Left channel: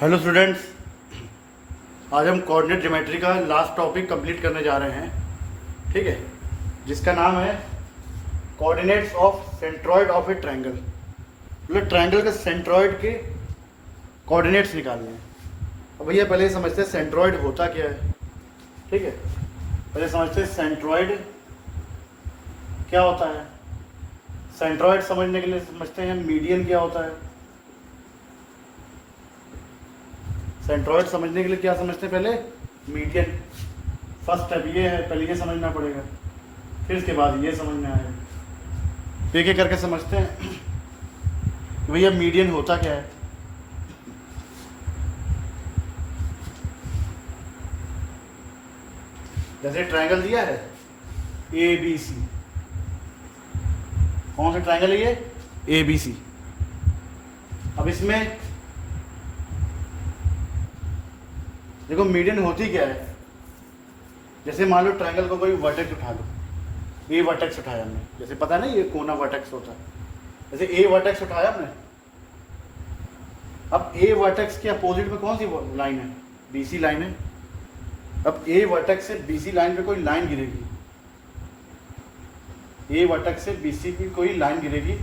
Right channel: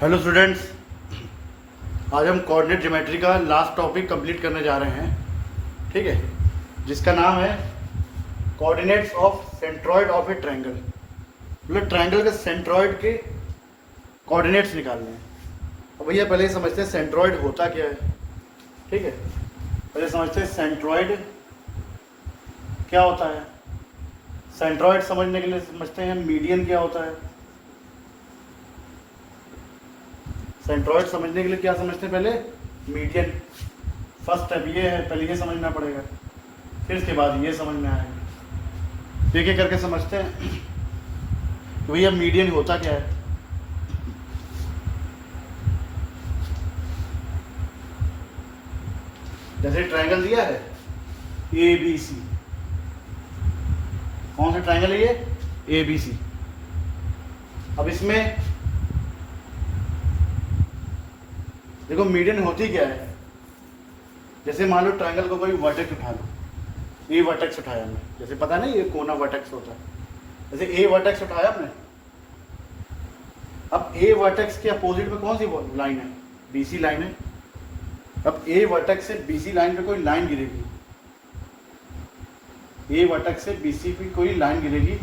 Hello students, आज हम coordinate geometry का लास्ट टॉपिक कंप्लीट करने जा रहे हैं। ठीक है, जिसका नाम है coordinates of centroid of A triangle. मतलब ट्रायंगल के सेंट्रॉइड के कोऑर्डिनेट्स निकालने हैं। अब भैया पहले समझते हैं सेंट्रॉइड होता क्या है। ठीक है, पहले समझते हैं सेंट्रॉइड क्या होता है। सेंट्रॉइड समझने के लिए समझते हैं मीडियन क्या होता है। सेंट्रॉइड समझने के लिए क्या समझते हैं, पहले मीडियन। फर्स्ट स्टेप ये है, पहले ये समझना पड़ेगा, फिर इसके बाद ये समझ में आएगा। एक एक करके समझते हैं कि भैया मीडियन होता क्या है। जैसे ट्रायंगल दिया है ए बी सी, कौन सा ट्रायंगल है ये, ए बी सी। अब इसमें देखो मीडियन होती क्या है। जैसे मान लो ट्रायंगल को कोई वर्टेक्स उठा लो, ए वर्टेक्स उठाया हमने, जैसे पता नहीं ये कोना वर्टेक्स होता है, जैसे ए वर्टेक्स उठाया हमने। अब ए वर्टेक्स के अपोजिट में कौन सी लाइन है, बीसी लाइन है। अब ए वर्टेक्स से बीसी लाइन पे कोई लाइन गिरेगी, ए वर्टेक्स से बीसी पे कोई लाइन गिरेगी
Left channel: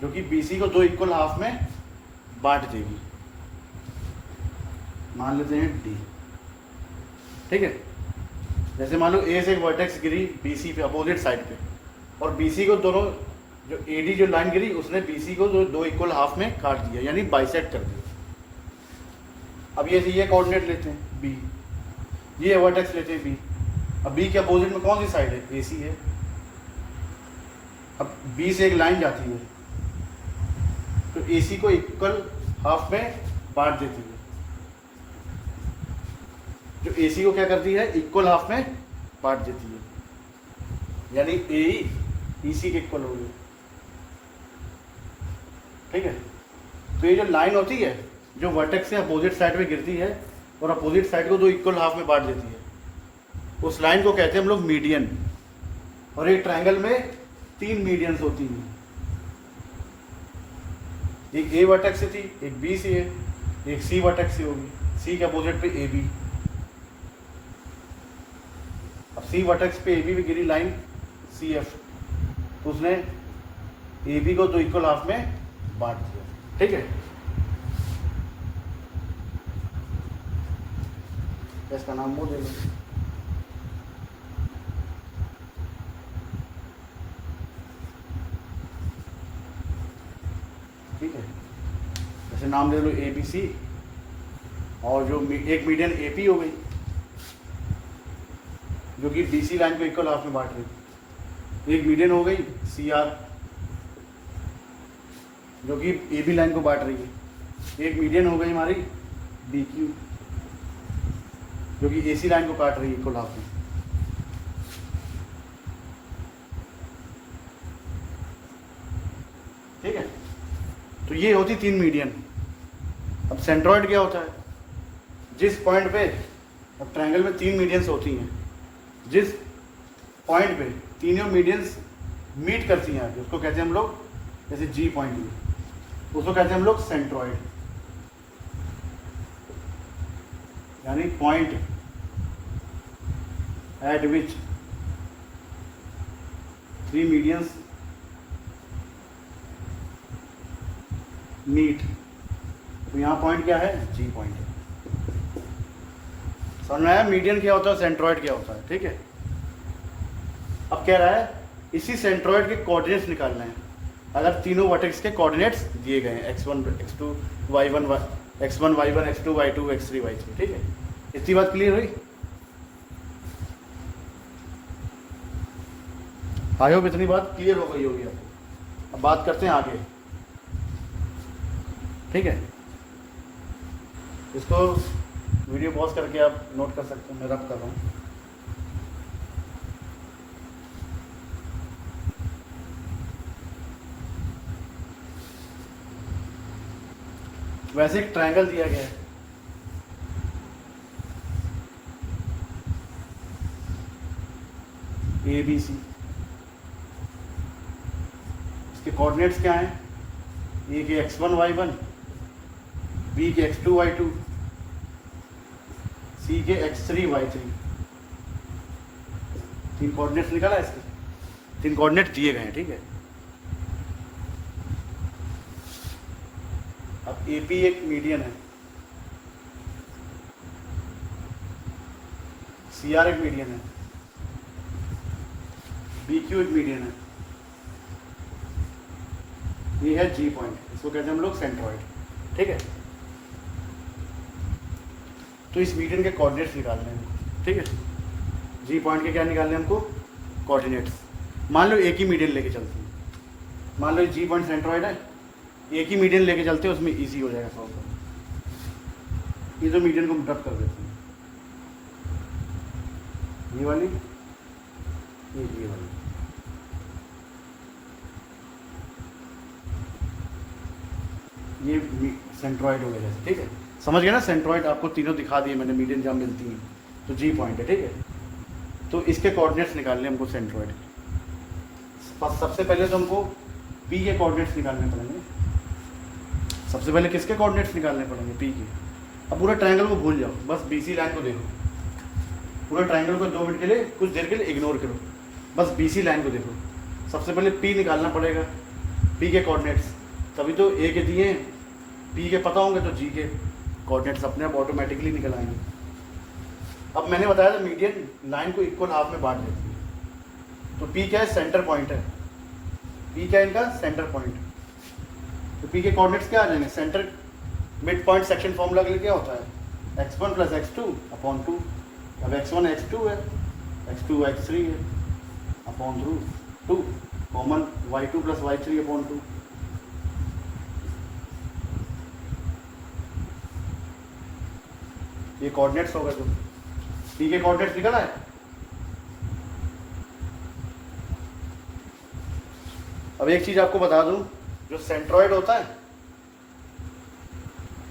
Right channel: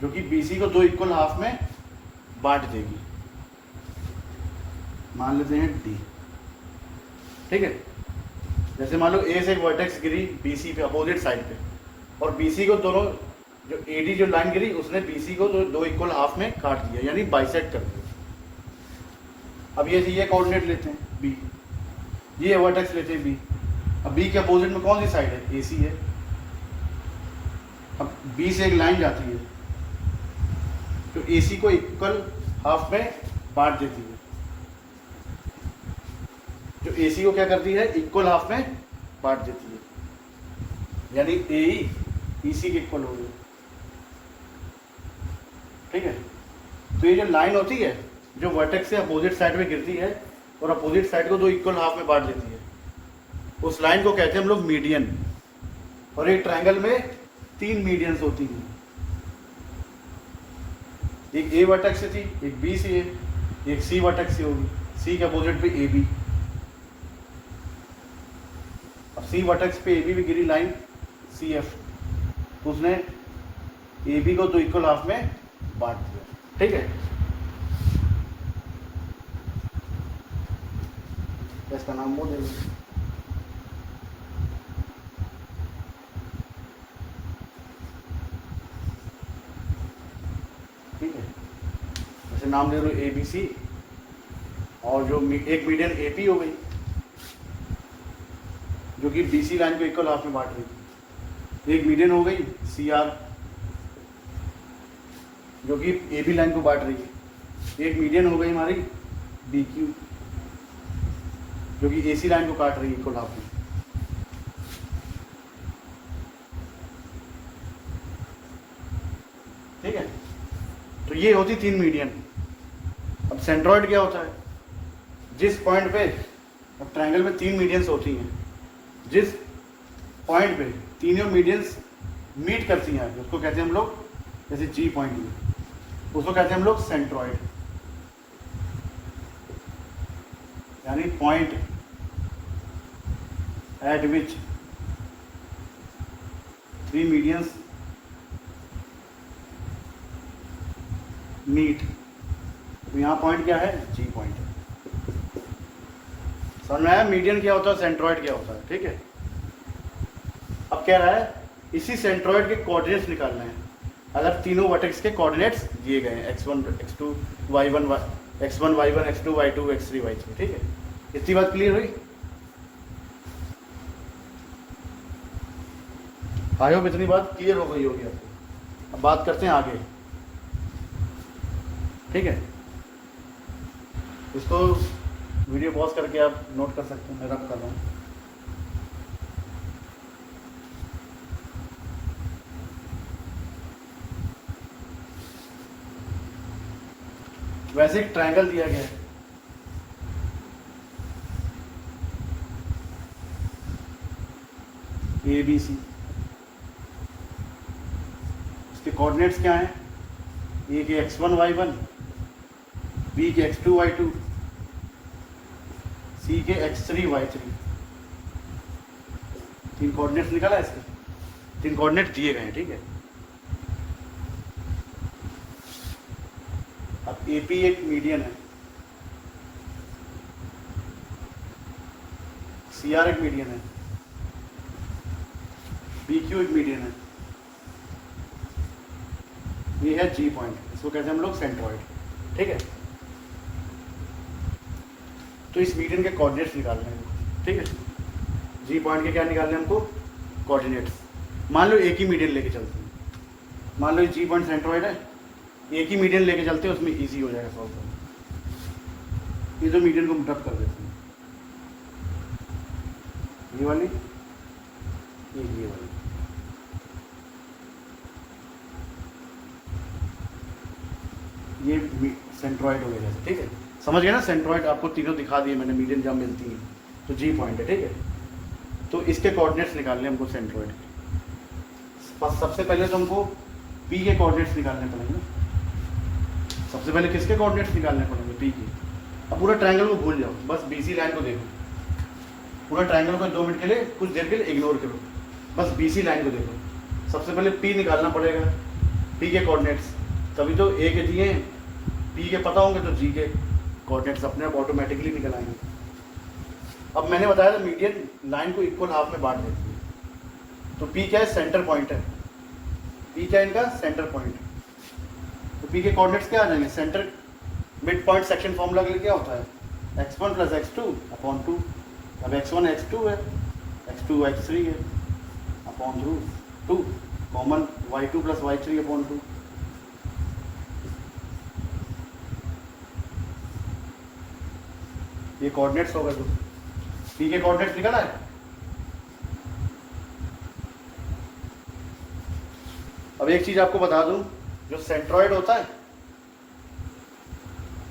जो कि बीसी को दो इक्वल हाफ में बांट देगी। मान लेते हैं डी। ठीक है, जैसे मान लो ए से एक वर्टेक्स गिरी बीसी पे अपोजिट साइड पे, और बीसी को दोनों जो एडी जो लाइन गिरी उसने बीसी को दो इक्वल हाफ में काट दिया, यानी बाइसेक्ट कर दिया। अब ये कोऑर्डिनेट लेते हैं बी, ये वर्टेक्स लेते हैं बी। अब बी के अपोजिट में कौन सी साइड है, ए सी है। अब बी से एक लाइन जाती है तो ए सी को इक्वल हाफ में बांट देती है। जो AC को क्या करती है, इक्वल हाफ में बांट देती है, यानी AE EC के इक्वल हो गई। ठीक है, तो ये जो लाइन होती है जो वर्टेक्स से अपोजिट साइड में गिरती है और अपोजिट साइड को दो इक्वल हाफ में बांट देती है, उस लाइन को कहते हैं हम लोग मीडियन। और एक ट्रायंगल में 3 मीडियंस होती हैं, एक A वर्टेक्स से थी, एक B से है, एक C वर्टेक्स से होगी, C के अपोजिट पे AB। अब सी वर्टेक्स पे ए बी गिरी लाइन सी एफ, तो उसने ए बी को दो इक्वल हाफ में बांट दिया। ठीक है, इसका नाम वो ले लो। ठीक है, जैसे नाम ले लो ए बी सी, और जो एक मीडियन ए पी हो गई जो कि बीसी लाइन को इक्वल हाफ में बांट रही थी। एक मीडियन हो गई सी आर जो कि ए बी लाइन को बांट रही है। एक मीडियन हो गई हमारी बी क्यू जो कि ए सी लाइन को काट रही है इक्वल हाफ में। ठीक है, तो ये होती 3 मीडियन। अब सेंट्रॉइड क्या होता है, जिस पॉइंट पे, अब ट्रायंगल में 3 मीडियंस होती हैं, जिस पॉइंट पे तीनों मीडियंस मीट करती हैं उसको कहते हैं हम लोग, जैसे जी पॉइंट में, उसको कहते हैं हम लोग सेंट्रॉइड। यानी point at which 3 medians meet. तो यहाँ पॉइंट क्या है, जी पॉइंट है। समझ में आया मीडियन क्या होता है, सेंट्रॉइड क्या होता है। ठीक है, अब कह रहा है इसी सेंट्रॉइड के कोऑर्डिनेट्स निकालना है अगर तीनों वर्टेक्स के कोऑर्डिनेट्स दिए गए हैं, x1 x2 y1 x1 y1 x2 y2 x3 y3। ठीक है, इतनी बात क्लियर हुई। आई होप इतनी बात क्लियर हो गई होगी। अब बात करते हैं आगे। ठीक है, इसको वीडियो पॉज करके आप नोट कर सकते हैं, मैं रब कर रहा हूँ। वैसे एक ट्रायंगल दिया गया है, ए बी सी। इसके कोऑर्डिनेट्स क्या हैं, एक x1 y1 बी के x2 y2, सी के x3 y3। 3 कोऑर्डिनेट्स निकाला है इसके, 3 कोऑर्डिनेट दिए गए हैं, ठीक है। अब AP एक मीडियन है, CR एक मीडियन है, BQ एक मीडियन है, ये है G पॉइंट, इसको कहते हैं हम लोग सेंट्रॉइड, ठीक है। तो इस मीडियन के कोऑर्डिनेट्स निकालने हैं, ठीक है। G पॉइंट के क्या निकालने हैं हमको, कोऑर्डिनेट्स। मान लो एक ही मीडियन लेके चलते हैं, मान लो G पॉइंट सेंट्रॉइड है, एक ही मीडियन लेके चलते हैं, उसमें इजी हो जाएगा सॉल्व करना। ये दो मीडियन को रब कर देते हैं, ये वाली, ये वाली, ये सेंट्रॉइड हो गया, ठीक है। समझ गए ना, सेंट्रॉइड आपको तीनों दिखा दिए मैंने, मीडियन जहाँ मिलती है, तो G पॉइंट है, ठीक है। तो इसके कोऑर्डिनेट्स निकालने हमको सेंट्रॉइड। सबसे पहले तो हमको P के कोऑर्डिनेट्स निकालने पड़ेंगे। सबसे पहले किसके कोऑर्डिनेट्स निकालने पड़ेंगे, P की। अब पूरा ट्रायंगल को भूल जाओ, बस BC लाइन को देखो, पूरा ट्रायंगल को 2 मिनट के लिए, कुछ देर के लिए इग्नोर करो, बस BC लाइन को देखो। सबसे पहले P निकालना पड़ेगा, P के कोऑर्डिनेट्स, तभी तो A के दिए हैं, P के पता होंगे तो G के कोऑर्डिनेट्स अपने आप ऑटोमेटिकली निकल आएंगे। अब मैंने बताया था मीडियन लाइन को इक्वल हाफ में बांट देती है, तो P क्या है, सेंटर पॉइंट है, P क्या है इनका, सेंटर पॉइंट। तो P के कोऑर्डिनेट्स क्या आ जाएंगे, centre mid point section formula के लिए क्या होता है, x1 + x2 अपॉन 2। अब x1 x2 है, x2 x3 है upon 2, common y2 + y3 upon 2। ये कोऑर्डिनेट्स होगा, जो P के कोऑर्डिनेट्स निकल आए। अब एक चीज आपको बता दूं, जो सेंट्रॉइड होता है,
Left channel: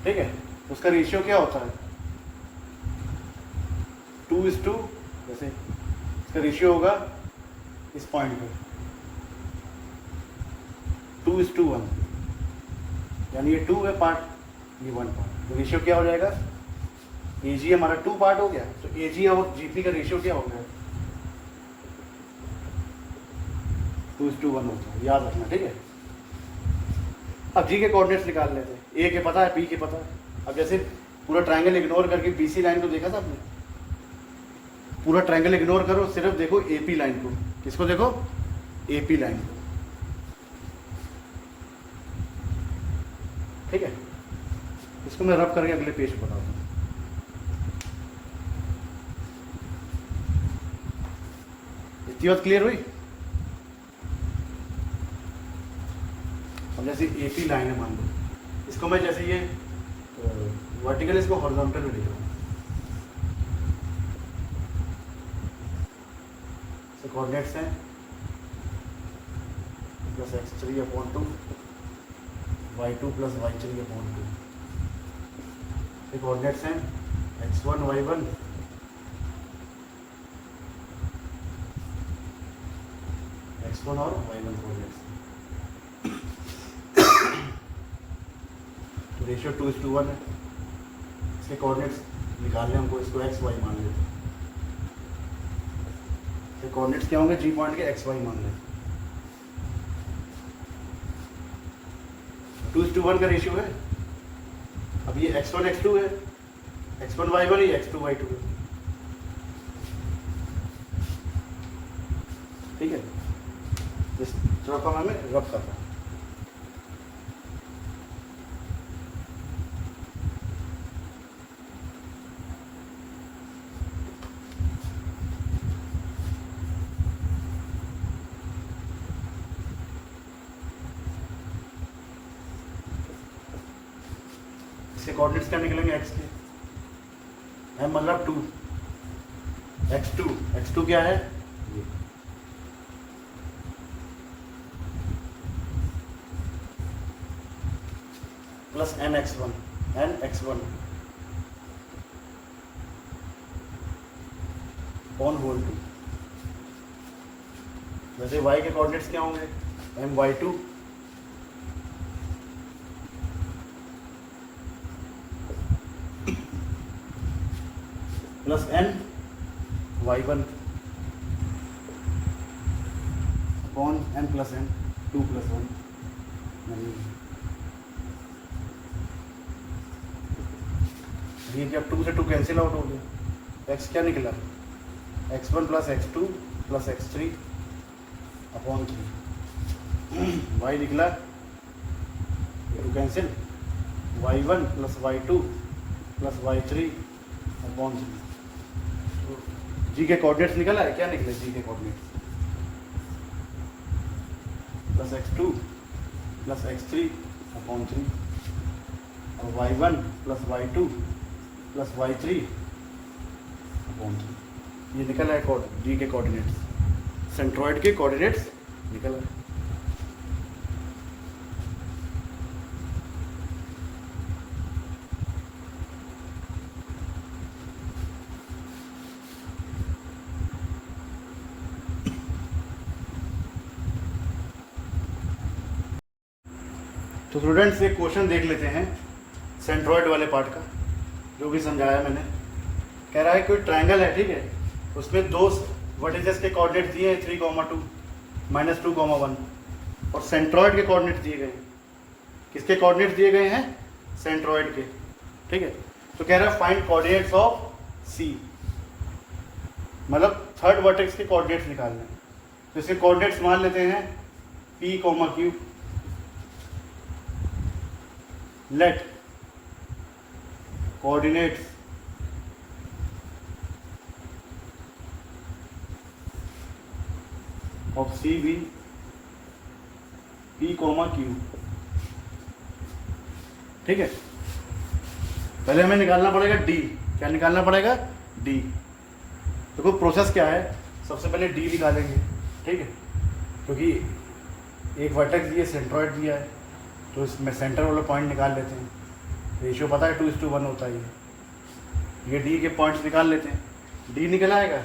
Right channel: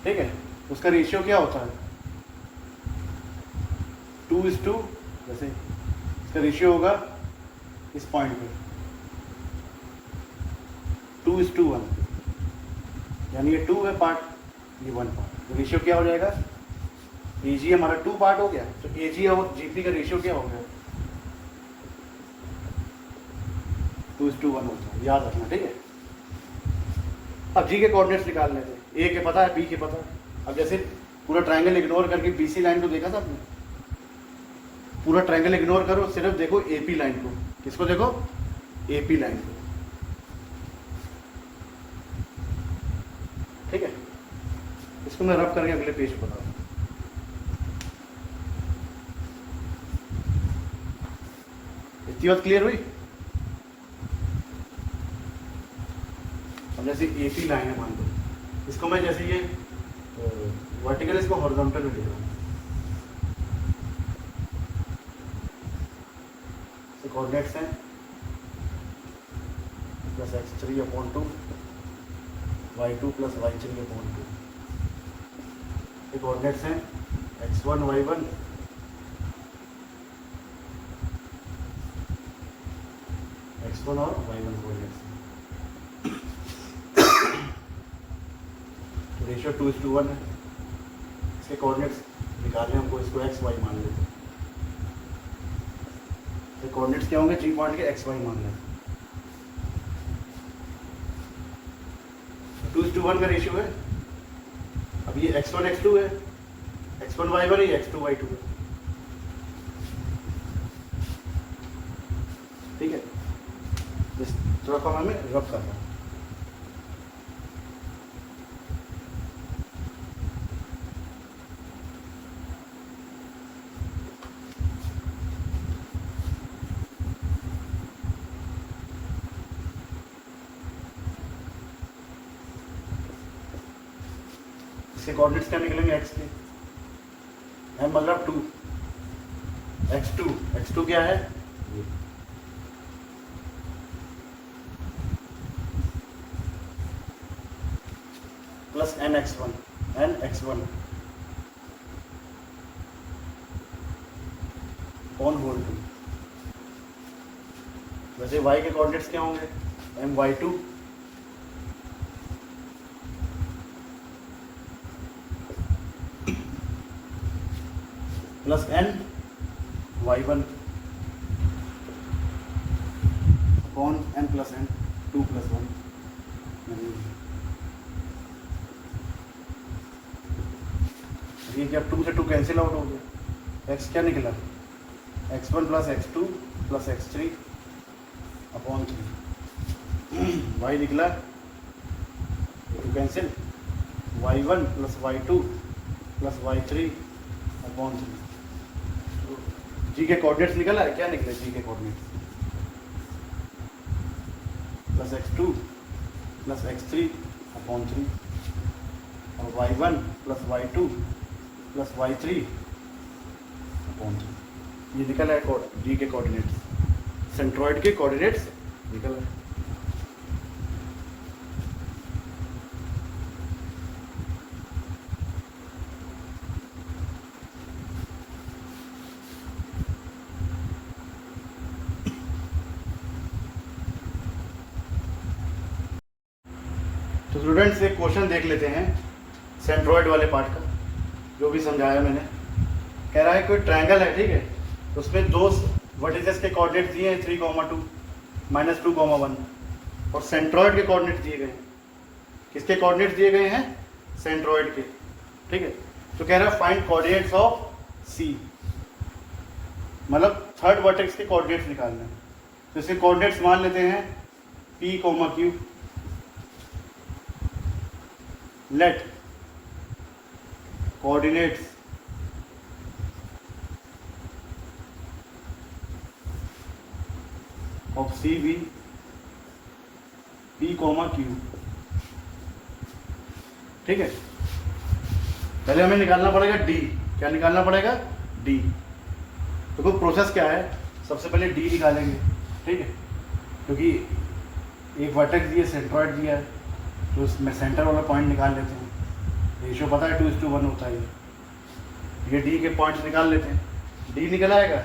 ठीक है, उसका रेशियो क्या होता है, 2:2, जैसे इसका रेशियो होगा इस पॉइंट पे 2:1, यानी ये 2 है पार्ट, ये 1 पार्ट, तो रेशियो क्या हो जाएगा, AG हमारा 2 पार्ट हो गया, तो AG और GP का रेशियो क्या हो गया, 2:1 होता है, याद रखना, ठीक है। अब G के कोऑर्डिनेट्स निकाल लेते हैं, A के पता है, B के पता है। अब जैसे पूरा ट्रायंगल इग्नोर करके BC लाइन को देखा था आपने, पूरा ट्रायंगल इग्नोर करो, सिर्फ देखो AP लाइन को। किसको देखो, AP लाइन को, ठीक है। इसको मैं रब करके अगले पेज पर बता दूँ। इतनी बात क्लियर हुई। अब जैसे AP लाइन है, मान लो इसको मैं जैसे ये वर्टिकल, इसको हॉरिजॉन्टल में ले लूँ, कोऑर्डिनेट्स हैं +x3 upon 2, y2 + y3 upon 2। ये कोऑर्डिनेट्स हैं x1 y1, x1 और y1 कोऑर्डिनेट्स। रेशियो 2:1 है, इसके कोऑर्डिनेट्स निकालने हमको, इसको x y मान लेते हैं। तो कोऑर्डिनेट्स क्या होंगे, G पॉइंट के x y मान लेते हैं। 2:1 का रेशियो है। अब ये x1 x2 है, x1 y1 है, x2 y2 है, ठीक है। इस थोड़ा कम हमें रब करना है। इसके कोऑर्डिनेट्स क्या निकलेंगे, x के है, मतलब 2, x2 क्या है, ये प्लस nx1 ऑन होल 2। वैसे y के कोऑर्डिनेट्स क्या होंगे, my2 plus n y1 upon n plus n 2 plus 1। ये क्या 2 से 2 कैंसिल आउट हो गया, x क्या निकला x1 plus x2 plus x3 upon 3, y निकला 2 cancel y1 plus y2 plus y3 upon 3। जी के कोऑर्डिनेट्स निकला है, क्या निकले जी के coordinates plus x2 plus x3 upon 3 और y1 plus y2 plus y3 upon 3। ये निकल है जी के कोऑर्डिनेट्स, सेंट्रॉइड के कोऑर्डिनेट्स निकल है। तो स्टूडेंट्स एक क्वेश्चन देख लेते हैं सेंट्रॉइड वाले पार्ट का, जो भी समझाया मैंने। कह रहा है कोई ट्रायंगल है, ठीक है, उसमें दो वर्टिसेस के कोऑर्डिनेट दिए हैं 3, 2 -2, 1 और सेंट्रॉइड के कोऑर्डिनेट दिए गए हैं। किसके कोऑर्डिनेट दिए गए हैं? सेंट्रॉइड के, ठीक है। तो कह रहा है फाइंड कोऑर्डिनेट्स ऑफ सी, मतलब थर्ड वर्टेक्स के कोऑर्डिनेट्स निकालना है। तो इसके कोऑर्डिनेट्स मान लेते हैं P, Q। Let coordinates of C be P, Q, ठीक है। पहले हमें निकालना पड़ेगा D। क्या निकालना पड़ेगा? D। देखो प्रोसेस क्या है, सबसे पहले D निकालेंगे, ठीक है, क्योंकि एक वर्टेक्स दिया, सेंट्रॉइड दिया है, तो इसमें सेंटर वाला पॉइंट निकाल लेते हैं। रेशियो पता है 2:1 होता है। ये डी के पॉइंट्स निकाल लेते हैं। डी निकल आएगा,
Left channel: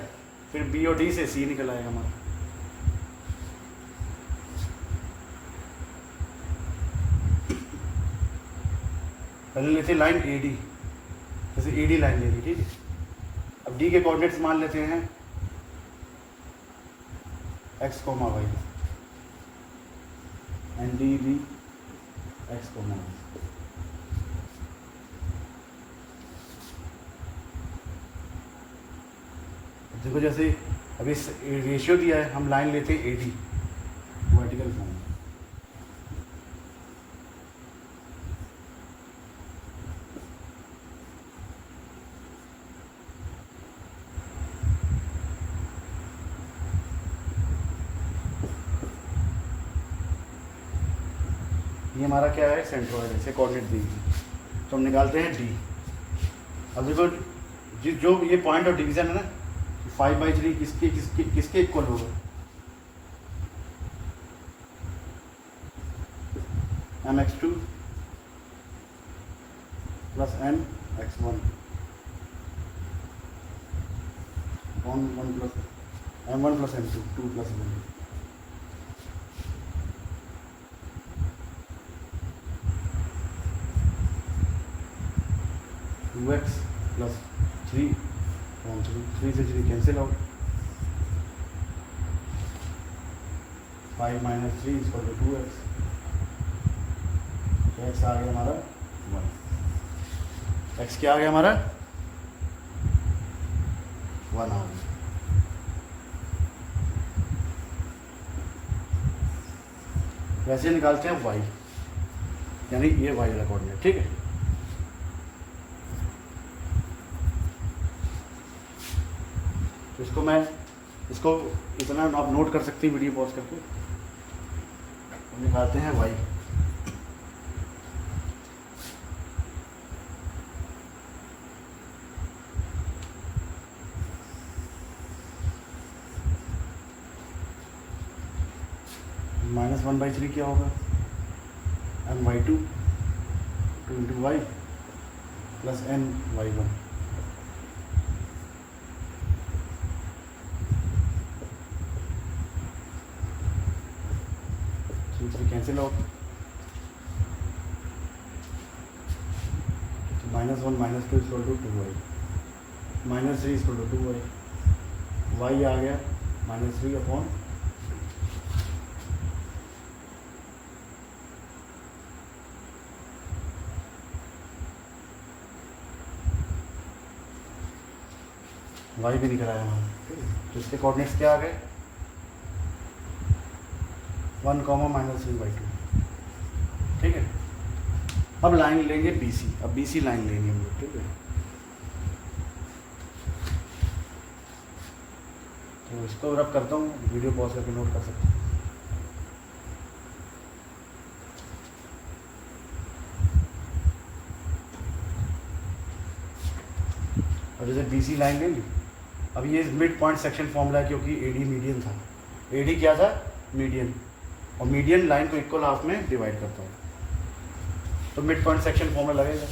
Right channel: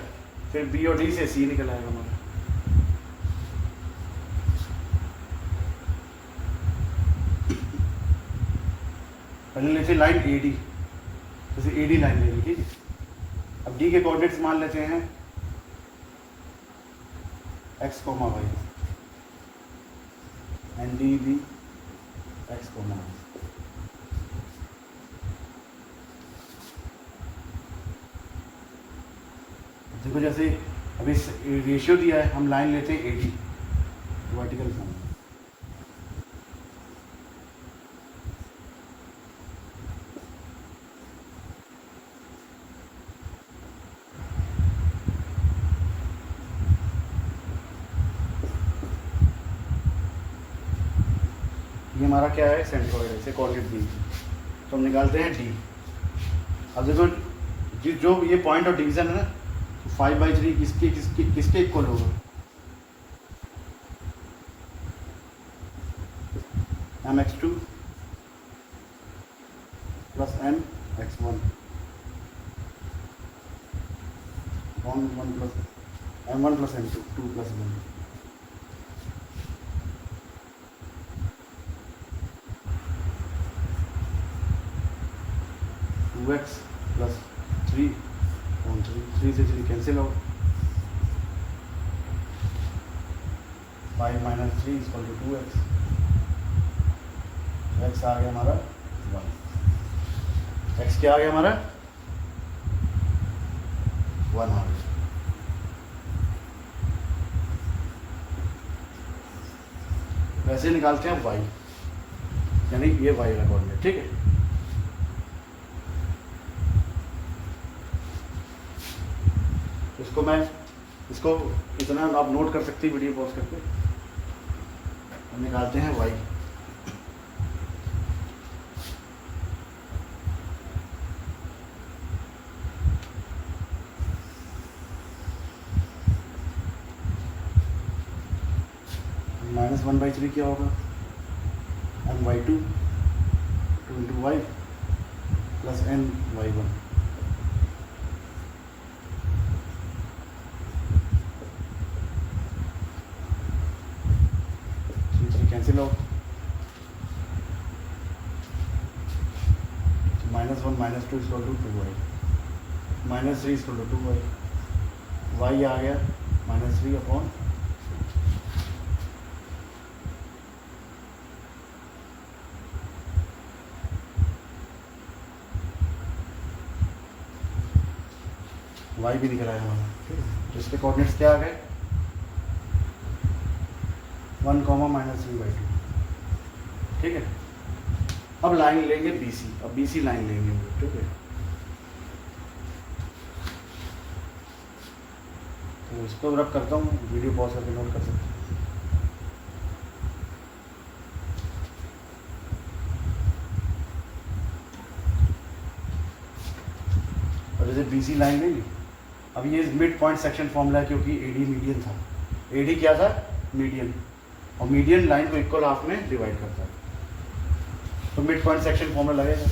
फिर बी और डी से सी निकल आएगा हमारा। पहले लेते लाइन ए डी, जैसे ए डी लाइन ले ली, ठीक है। अब डी के कोऑर्डिनेट्स मान लेते हैं x, y and D be x, y। देखो जैसे अभी रेशियो दिया है, हम लाइन लेते हैं 80 वर्टिकल लाइन। ये हमारा क्या है? सेंट्रॉइड है, इसे कोऑर्डिनेट दी, तो हम निकालते हैं डी। अब देखो जो ये पॉइंट ऑफ डिवीजन है ना, 5/3 किसके इक्वल होगा? mx2 plus mx1 1 plus m1 plus m2 2 plus 1। x plus 3 से 3 कैंसिल आउट, 5 - 3 = 2x। x आ गया हमारा 1। x क्या आ गया हमारा? 1 आ गया। वैसे निकालते हैं y, यानी ये y का कोऑर्डिनेट, ठीक है। इसको इतना आप नोट कर सकते हैं वीडियो पॉज करके। हम निकालते हैं y। -1/3 क्या होगा? my2 2 × y plus my1। Cancel out, -1 - 2 = 2y। -3 equal to 2y, y आ गया -3 अपॉन y भी दिख रहा है हमारा, ठीक है। तो इसके कोऑर्डिनेट्स क्या आ गए 1, -3/2, ठीक है। अब लाइन लेंगे BC, अब BC लाइन लेंगे हम लोग, ठीक है। तो इसको रब करता हूँ, वीडियो पॉज करके नोट कर सकते हैं। अब जैसे BC लाइन लेंगे, अब ये मिड पॉइंट सेक्शन फॉर्मूला है क्योंकि AD मीडियन था, AD क्या था मीडियन, और मीडियन लाइन को इक्वल हाफ में डिवाइड करता है, तो मिड पॉइंट सेक्शन फॉर्मूला लगेगा,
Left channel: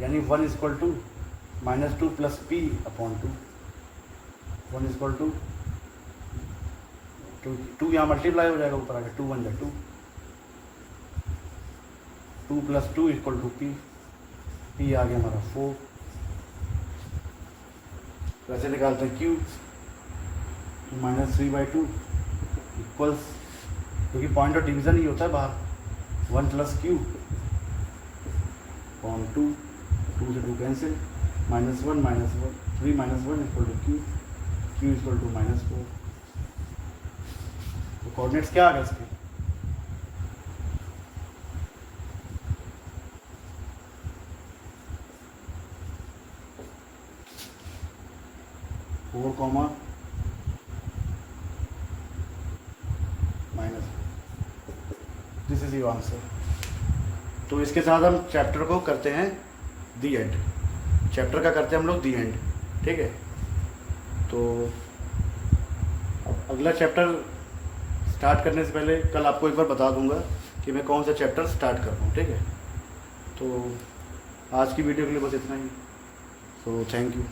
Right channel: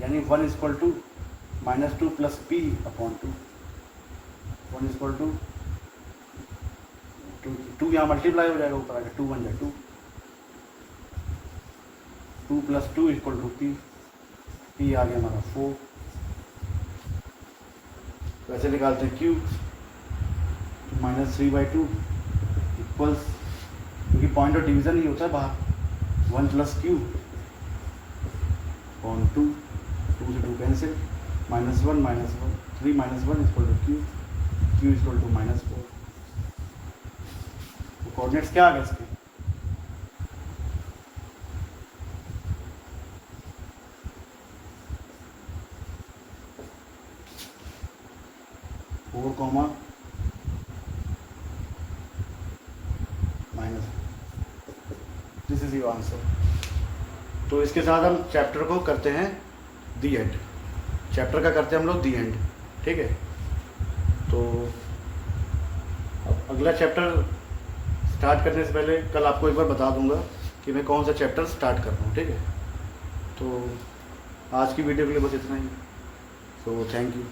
यानी 1 equal to -2 + p/2, 1 equal to 2 यहाँ मल्टीप्लाई हो जाएगा, ऊपर आएगा 2 1 2, 2 + 2 इक्वल टू p आ गया हमारा 4। कैसे निकालते हैं Q, -3/2 इक्वल्स, क्योंकि पॉइंट ऑफ डिवीजन ही होता है बाहर, 1 + Q अपॉन 2, 2 से 2 cancel, -1 -1 3 -1 equal to Q equal to -4। तो कोऑर्डिनेट्स क्या आ गए इसके, -4 दिस इज योर आंसर। तो इसके साथ हम चैप्टर को करते हैं दी एंड, चैप्टर का करते हैं हम लोग दी एंड, ठीक है। तो अब अगला चैप्टर स्टार्ट करने से पहले कल आपको एक बार बता दूंगा कि मैं कौन सा चैप्टर स्टार्ट कर रहा हूँ, ठीक है। तो आज की वीडियो के लिए बस इतना ही, सो थैंक यू।